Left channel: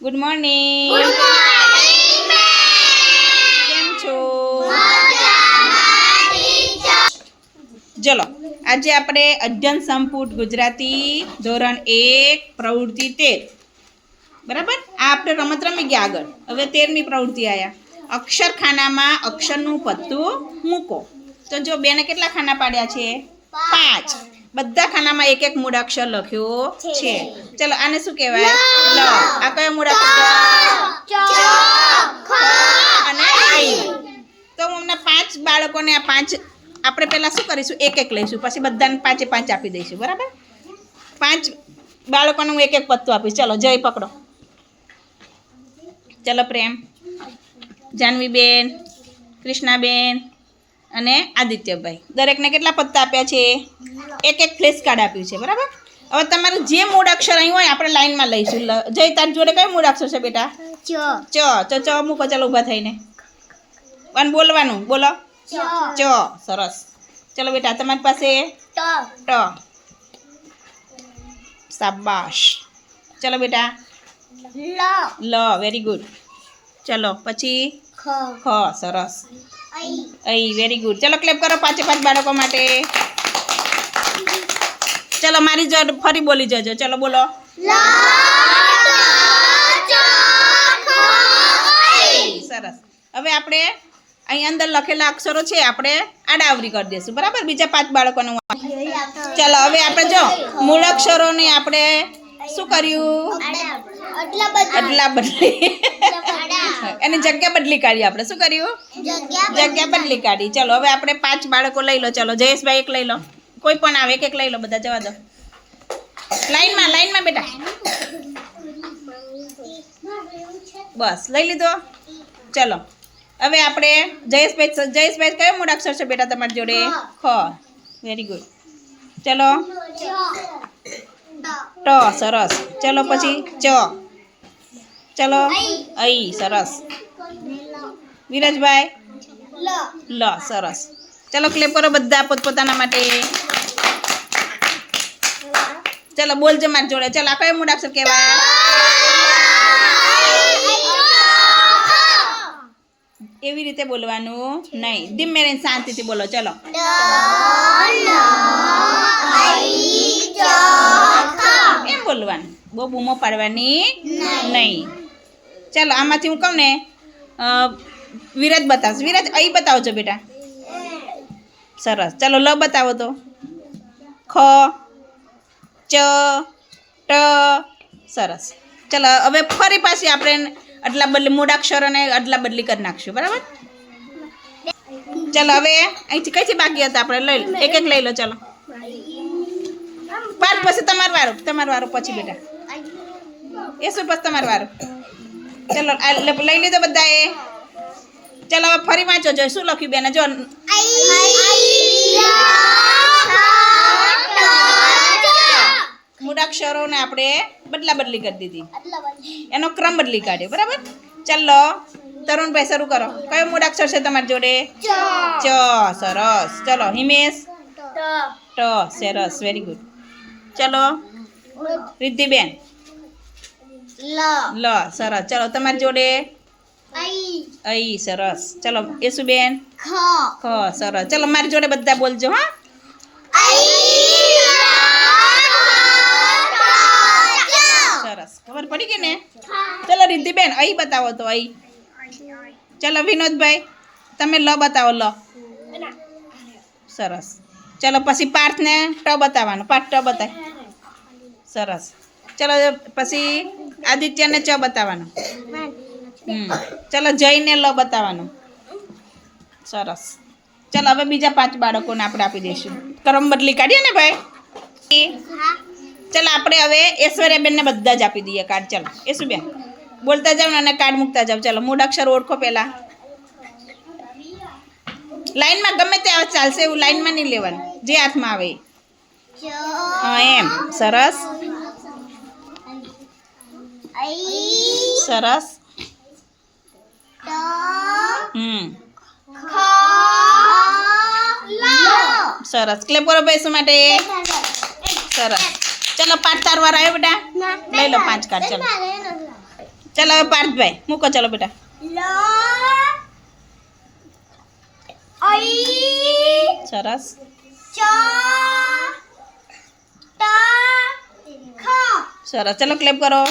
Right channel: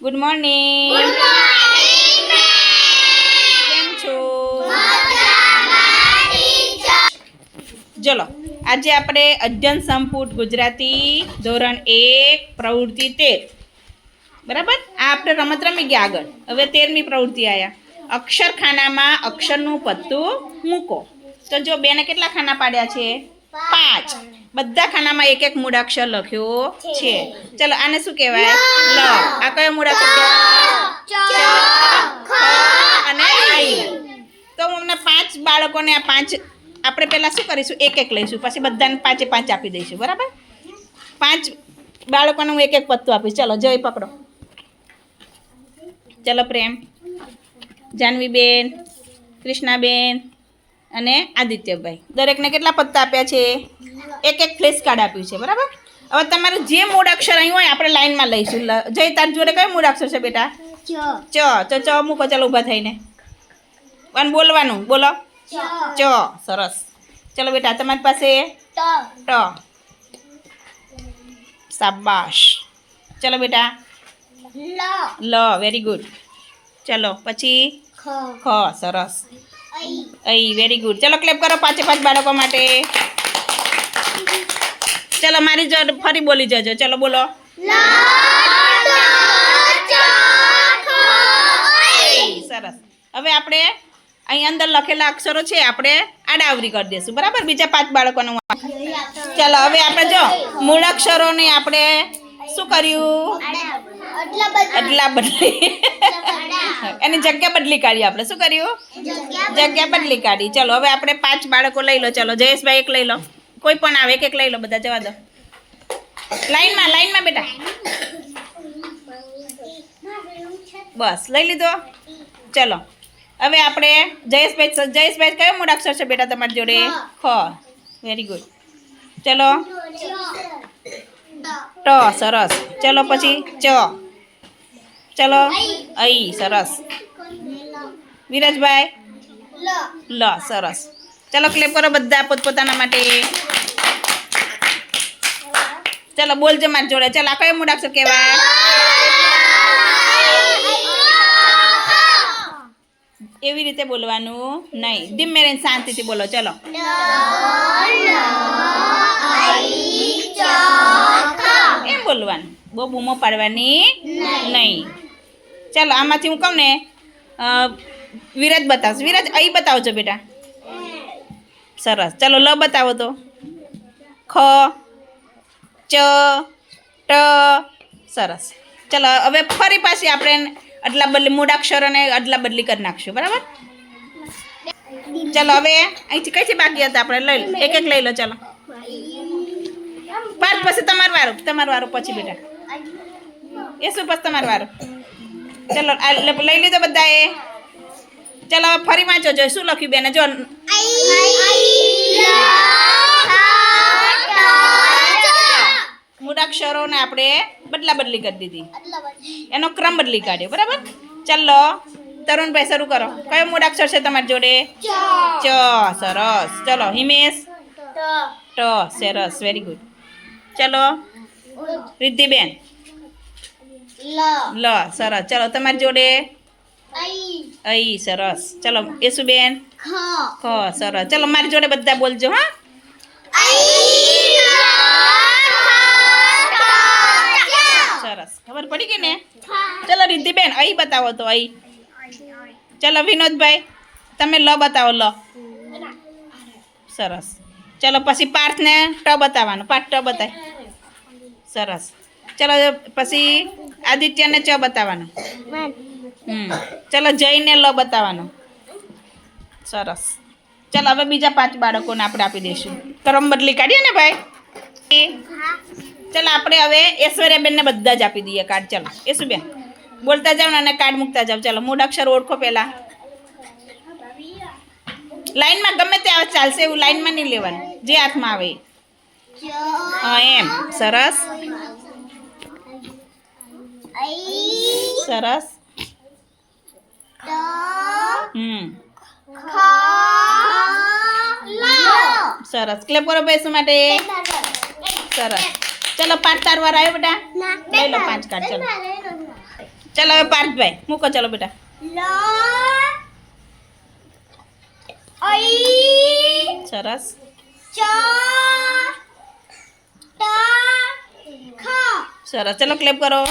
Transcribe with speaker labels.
Speaker 1: Good morning કેમ છો? ચલો આજે આપણે અધ્યયન સંપુટ ગુજરાતી ધોરણ એક પ્રવૃત્તિ તેર. બરાબર? આ આપણે રમત રમી ગયા આગળ. હવે તેરમી પ્રવૃત્તિ આવ્યા અક્ષરખાનામાં અક્ષરનું પત્તું મૂકો. તો જો બેને કેટલા ખાના પાડ્યા છે? પાંચ. બધા ખાનામાં એક એક મૂળાક્ષર લખ્યો છે. ચલો આને શું કહેવાય? લ. આ કયો મૂળાક્ષર અને ઐ તો હું અમને પાંચ બાળકોને આ પાંચ આપણે પહેલાં શું કરીશું? એક એક લઈશું. પછી બધાને પાંચે પાંચ આપી દઈશું. બરાબર? પાંચ બાળકોને હું એક એક પત્તું આપીશ. ચલો જય પકડો. ચલો પ્રેમ. જાનવીબેન કૃષ્ણાબેન અને આદિત્યભાઈ. દરેકને કેટલા પત્તા આપ્યા છે? એક એક ફ્લેશ કાર્ડ આપ્યું છે બરાબર? હવે તમારે જે મૂળ અક્ષર અહીં હોય આપણે લાઈનમાં લઈશું. જય તાર જોડે કયો મૂળ અક્ષર છે બેટા? ચ. ચ. ચ મૂકો ચાલો ઊભા થઈને. અને બોલવાનું બોલો. ચ. સરસ. ચલો બેટા તમારી પાસે ટ. શાબાશ. ચલો બેટા. લ. વેરી ગુડ ચલો પછી? ખ. સરસ. અઈ. વેરી ગુડ ચલો ક્લેપ કરો પાંચે પાંચ બાળકો માટે. ચલો મારી જો ફરી બોલી જજો. ચલો બોલો. સરસ. હવે આપણે અહીં અંદર લખેલા અક્ષરો છે, આપણે આડાવરી કરી દઈશું બરાબર? બીજા પાંચ બાળકોનું ચાલો, હવે આપણે જો મૂળ અક્ષરોને આપણે શું કર્યું? અટલા બદલી. એની જગ્યા બદલી કાઢી આપણે. શું કર્યું? જગ્યા બદલી કાઢી. ચલો, હવે આપણે પાંચ બાળકો લઈ લો. ચલો, જયેશભાઈ એક લઈ લો. કોઈ પણ આવે એક એક લઈ લો બધા જવા દો. લાઈનમાં લાઈનમાં બેટા. બસ લઈ લીધો. ચલો. હવે આપણે જયેશભાઈ જયેશભાઈ કયો મૂળાક્ષર છે બેટા તમારી જોડે? ખ. વેરી ગુડ ચલો. ટ સરસ. ચલો પછી ચ. ચલો. અઈ સરસ. વિરાજભાઈ? લ. સરસ. ચલો ક્લેપ કરો બધા પોતપોતાના માટે. ચલો બોલજો મારી જોડે. ચલો કયો મૂળાક્ષર કહેવાય એવી રીતે બોલવાનું નહીં. ધીમે રહીને શાંતિથી બોલો. ચલો. એમ બોલવાનું. બહુ બૂમો પાડવાની નહીં. ચાલો, આમાંથી હું કહું ને વિરાજ બતાવશે. વિરાજ, અહીં બતાવજો બેટા. સરસ. ચાલો, લ બતાવો તો. ખ. ચ, ટ, સરસ. ચાલો, હવે ફરી પાછી આપણે અદલા બદલી મૂળાક્ષર અને અદલા બદલી કરી નાખશું, બરાબર? ચાલો, હવે અહીંથી કઈથી બાકી હતા આપણે? લઈ લો. એક એક લઈ લો, ચાલો. પાંચ પછી તમારું વારું તમારું વારું પછી બેટા. એ શું પછી તમારું વારું? ચલો લઈ લીધો બધાએ. ચાલો, હવે ફરી વાંચો, જો શું લખ્યું બેને, જો. મૂળાક્ષરોને આપણે બદલા બદલી કરી દીધી. એનો ક્રમ બદલી કાઢ્યો બરાબર? ચાલો તરુણભાઈ શરૂ કરો. કયો મૂળાક્ષર છે તમારી જોડે? ચ. સરસ. ચલો હિમેશ? ટ. સરસ વેરી ગુડ ચલો રિદ્ધિબેન? લ. સરસ. ચલો તમારી જોડે? અઈ. સરસ. ચલો યશુબેન ખ. સરસ. ચલો મારી જોડે બધા બોલજો હા? સરસ. ખબર પડી ગઈ ને? ચલો રિદ્ધિબેન, અહીં બતાવો તો, અહીં. ચલો વિનોદભાઈ, તમે લ બતાવો, લ. સરસ. ચલો પછી પાર્થને ટ બતાવવાનો. પાર્થ, ટ બતાય. સરસ. ચલો પછી આદિત્યને ચ બતાવવાનો. હમ. ચલો જયને લ બતાવવાનો. સરસ. ચલો હવે બીજા પાંચ બાળકોને આપણે આપી દઈશું. ક્રમ બદલી કાઢીએ ને ભાઈ? ચલો આપણે હવે ઐશ્વર્યાબેનને બધા જ આપી દઈએ કાર્ડ ચાલો યશુબેન બોલતા જાઓ ને અને કાર્ડ મૂકતા જાઓ ચાલો મૂળાક્ષર ઓળખો પહેલાં. લાઈનમાં ગમે તે આવે ચાલશે એવું લાઈનમાં નહીં લેવાનું. જે હાથમાં આવે હા એમ. સરસ. સરસ. હમ. સરસ. ક્લેપ કરો બેસવા માટે? સરસ. ચલો પાંચ તાર વાર આવ્યો બેટા? લઈ લો પાંચ કાર્ડ ચલો.
Speaker 2: ચાલો હવે પાર્થભાઈ મૂકો ચાલો બેટા. સરસ. સરસ. ચાલો ક્લેપ કરો.